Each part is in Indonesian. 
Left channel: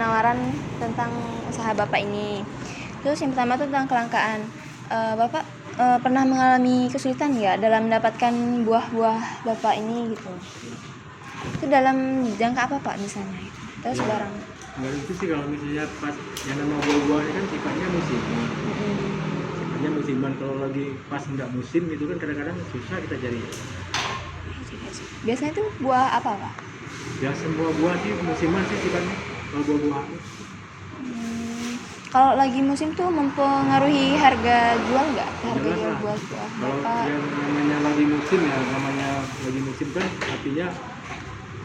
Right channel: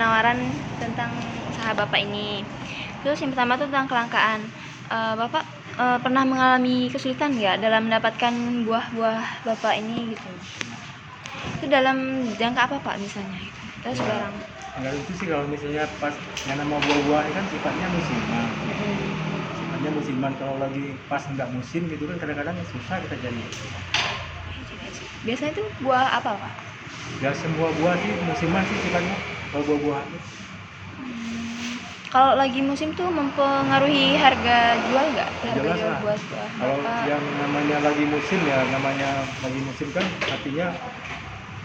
penawaran tentang usaha Bapak ini. Terus yang pertama tuh tentang kelangkaan. Bapak pernah mengalami kesulitan nggak dalam mendapatkan buah-buah Bapak ini gitu? Itu dalam jangka apa Pak misalnya? Gitu. Terus barang. Enggak itu sih kalau misalnya pas yang nama buah-buah ini kan sifatnya musiman. Sifatnya musiman, kalau lagi pas nggak musim itu kan kadang-kadang susah kita cari. Biasanya itu buah apa Pak? Ya semua buah sih musiman sih sifatnya kalau buah-buah. Kalau lagi musim tuh mempengaruhi harga jual nggak? Harga jual buah-buah Kalau Bapak? yang namanya lagi musim ya, namanya lagi musim kan artinya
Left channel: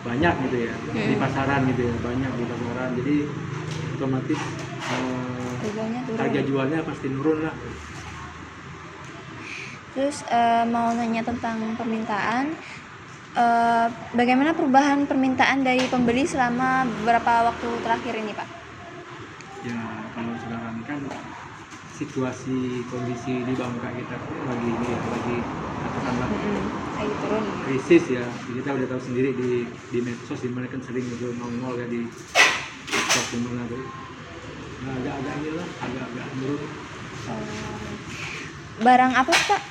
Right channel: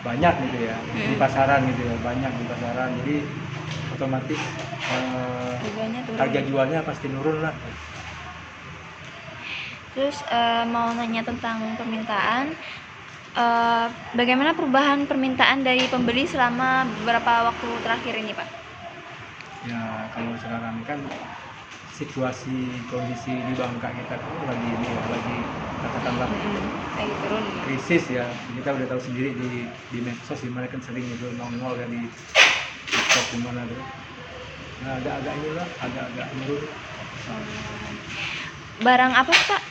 banyak gitu ya di pasaran gitu ya, banyak di pasaran, jadi otomatis Harganya turun. harga jualnya pasti turun lah. Terus mau nanya tentang permintaan, bagaimana perubahan permintaan dari pembeli selama beberapa waktu terakhir ini Pak? Ya kalau sekarang kan situasi kondisi di Bangka kita kan lagi ini ya, lagi katakanlah Lagi turun. krisis ya. Kita udah tahu sendiri di medsos, di mana kan sering itu nol ya di medsos di mana tuh. Nah agak-agak inilah, agak-agak menurun. Barang apa Pak,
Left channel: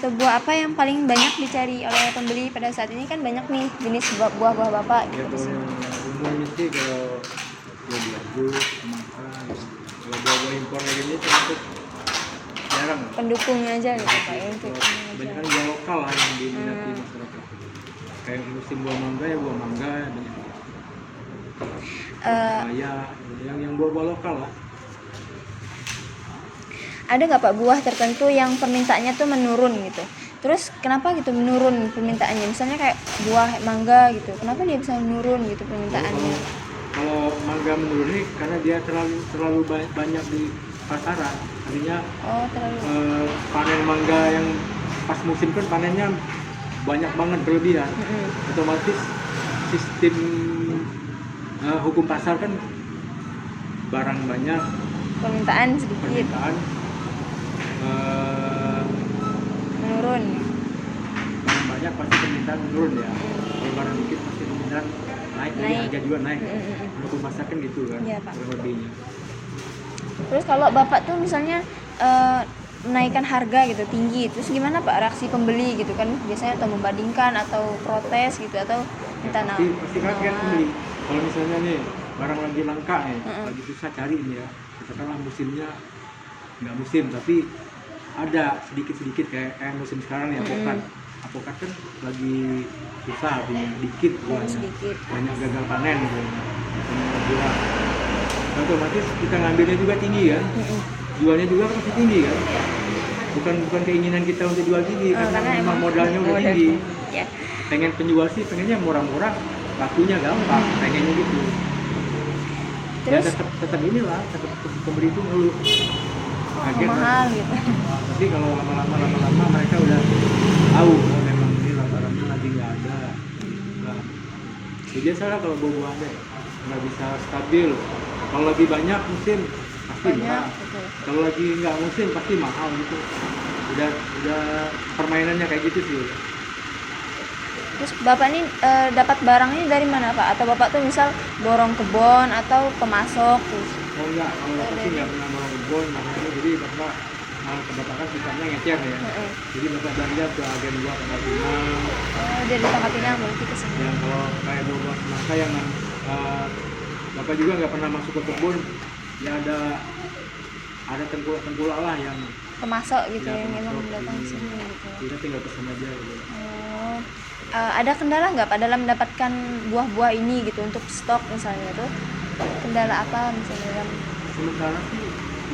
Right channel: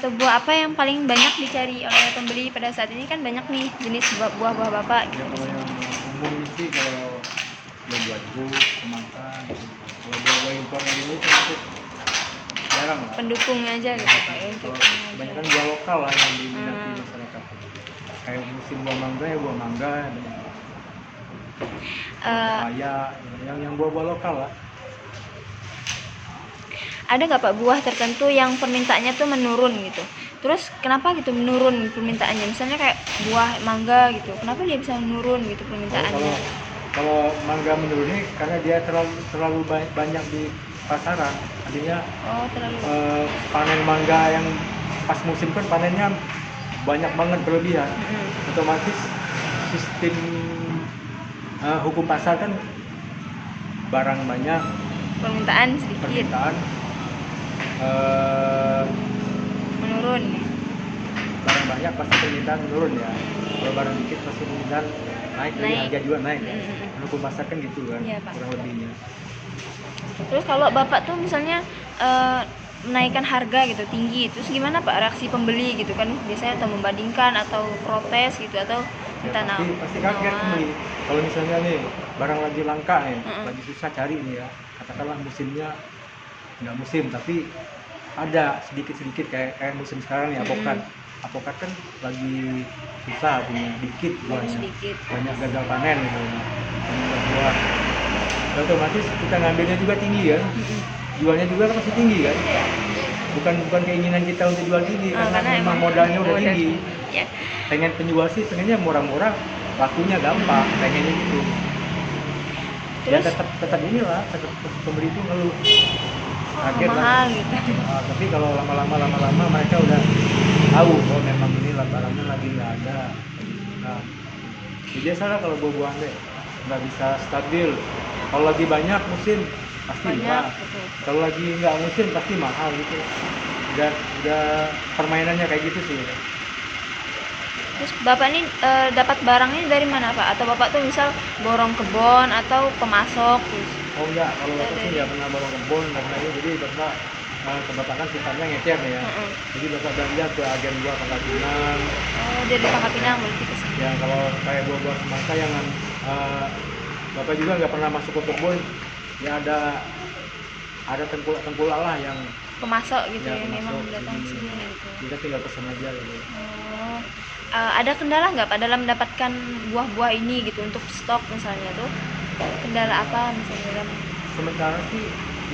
atau buah apa yang paling banyak dicari oleh pembeli pada saat ini? Kan banyak nih jenis buah-buah Bapak gitu di sini. Umumnya sih kalau jagung, semangka, kalau buah impor ini termasuk jarang lah. Pendukung aja gitu Pak ya, untuk ini Dan aja. kan buah lokal lah yang diminati masyarakat. Kayak musim buah mangga ya buah mangga, papaya, yang buah-buah lokal lah. Ada nggak Pak buah tertentu yang permintaannya tuh menurun gitu? Terus kenapa gitu menurun permintaannya? Misalnya kayak buah mangga gitu, kenapa dia bisa menurun gitu permintaannya? Kalau mangga ini karena dia terlalu banyak di pasaran, artinya Terlalu. panen mangga yang pas musim kan panennya banyak banget berlebihan. Otomatis sistem hukum pasar kan barang banyak, Permintaan sedikit, permintaan menurun. barang banyak pasti permintaan menurun ya. Kalau barang dikit pasti permintaan naik, jadi harga juga naik. Hukum pasar kan gitu kan, Iya, Pak. kurang lebihnya. Terus kalau Bapak tuh misalnya menaikkan harga gitu tinggi, terus gimana Pak reaksi pembeli gitu kan? Biasanya atau membandingkan atau protes gitu atau minta Pasti kaget pembeli. Kalau misalnya nih barang lagi langka nih, lagi susah cari nih ya, katakanlah musimnya nggak musim tapi ada sedikit kayak musim sekarang nih apokat kan lagi susah, punya dikit sedikit. banyak gagal panen gitu. Buah otomatis kita ngambilnya juga tinggi kan, jualnya juga pasti tinggi kan, bukan keinginan kita untuk jual tinggi, Karena emang modalnya udah tinggi. Ya. Pengen penjual sih pengennya murah-murah, lakunya gampang, pengennya gitu. Terus Ya, tetap inilah, tetap pembeli itu lalu kaget mahal lah. gitu. Tapi kalau lama-lama mereka udah tahu bahwa memang ini latarannya lagi nggak ada. Nah, ya biasalah kalau buah-buahnya nggak bisa stabil. Kalau lagi banyak musim pasti murah. Betul. Kalau lagi nggak musim pasti mahal gitu. Udah permainannya kayak gitu sih. Terus Bapak ini dapat barangnya dari mana Pak? Atau Bapak tuh misal borong kebun atau pemasok gitu? Oh enggak, kalau aku sih nggak pernah bawa kebun, jadi karena kebetulan sifatnya ngecer ya. Jadi bapak belanja ke agen dia Pangkal Pinang. Dari Pangkal Pinang berarti ke sini. Ya kalau kayak buah semangka yang bapak juga nggak pernah masuk ke kebun, ya ada tempul-tempul lah yang Pemasok gitu ya, yang memang pemasok datang di sini gitu. kita tinggal pesan aja gitu. Ada kendala nggak Pak dalam mendapatkan buah-buah ini gitu untuk stok misalnya tuh? Kendala apa misalnya dalam? Sementara sih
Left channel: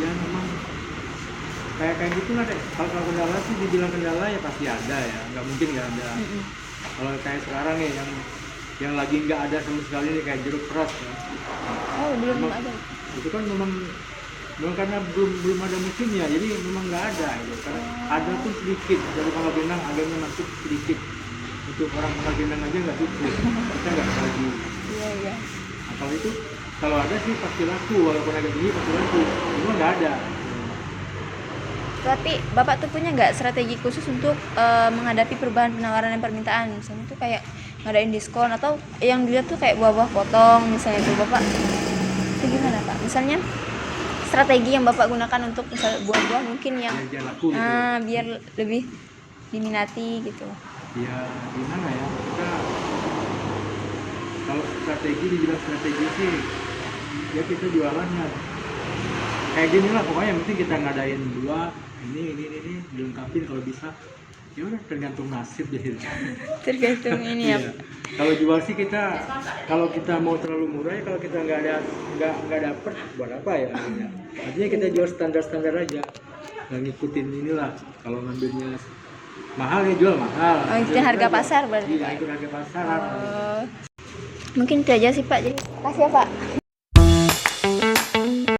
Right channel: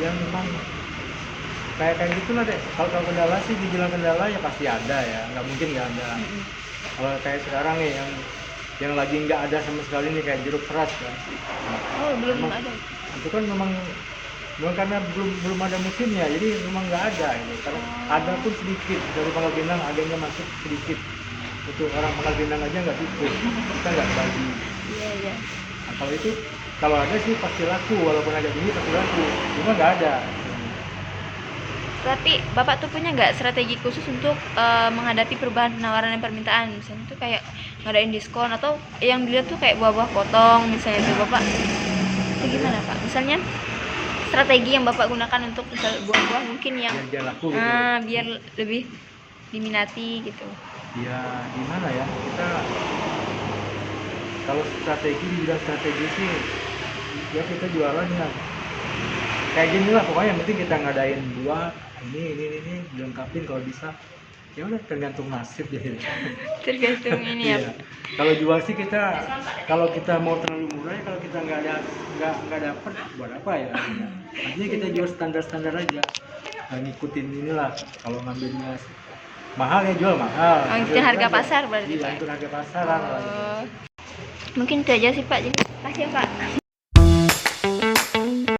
yang memang kayak gitu lah deh. Kalau kendala sih dibilang kendala ya pasti ada ya, nggak mungkin nggak ada. Kalau kayak sekarang nih yang lagi nggak ada sama sekali nih kayak jeruk keras kan. Belum ada. Itu kan memang karena belum ada musimnya, jadi memang nggak ada. Gitu. Karena ada tuh sedikit dari Pangkal Pinang, agennya masuk sedikit. Untuk orang Pangkal Pinang aja nggak cukup, kita nggak bagi. Iya. Kalau itu kalau ada sih pasti laku, walaupun ada ini pasti laku. Cuma nggak ada. Tapi Bapak tuh punya nggak strategi khusus untuk menghadapi perubahan penawaran dan permintaan? Misalnya tuh kayak ngadain diskon atau yang dilihat tuh kayak buah-buah potong misalnya tuh Bapak itu gimana Pak? Misalnya strategi yang Bapak gunakan untuk misal buah-buah mungkin yang Biar laku gitu. biar lebih diminati gitu. Ya gimana ya, kita kalau strategi, dibilang strategi sih ya kita jualannya kayak gini lah pokoknya, yang penting kita ngadain buah ini dilengkapin kalau bisa, ya udah tergantung nasib jadi. Tergantung ini ya. Iya. Kalau jual sih kita, kalau kita mau terlalu murah ya, kalau kita nggak dapet buat apa ya, artinya kita jual standar aja, nggak ngikutin inilah. Kalau ngambilnya mahal ya jual mahal. Oh, ikutin harga pasar berarti Iya, Pak. itu harga pasar. Oh. Mungkin itu aja sih Pak. Jadi kasih ya Pak.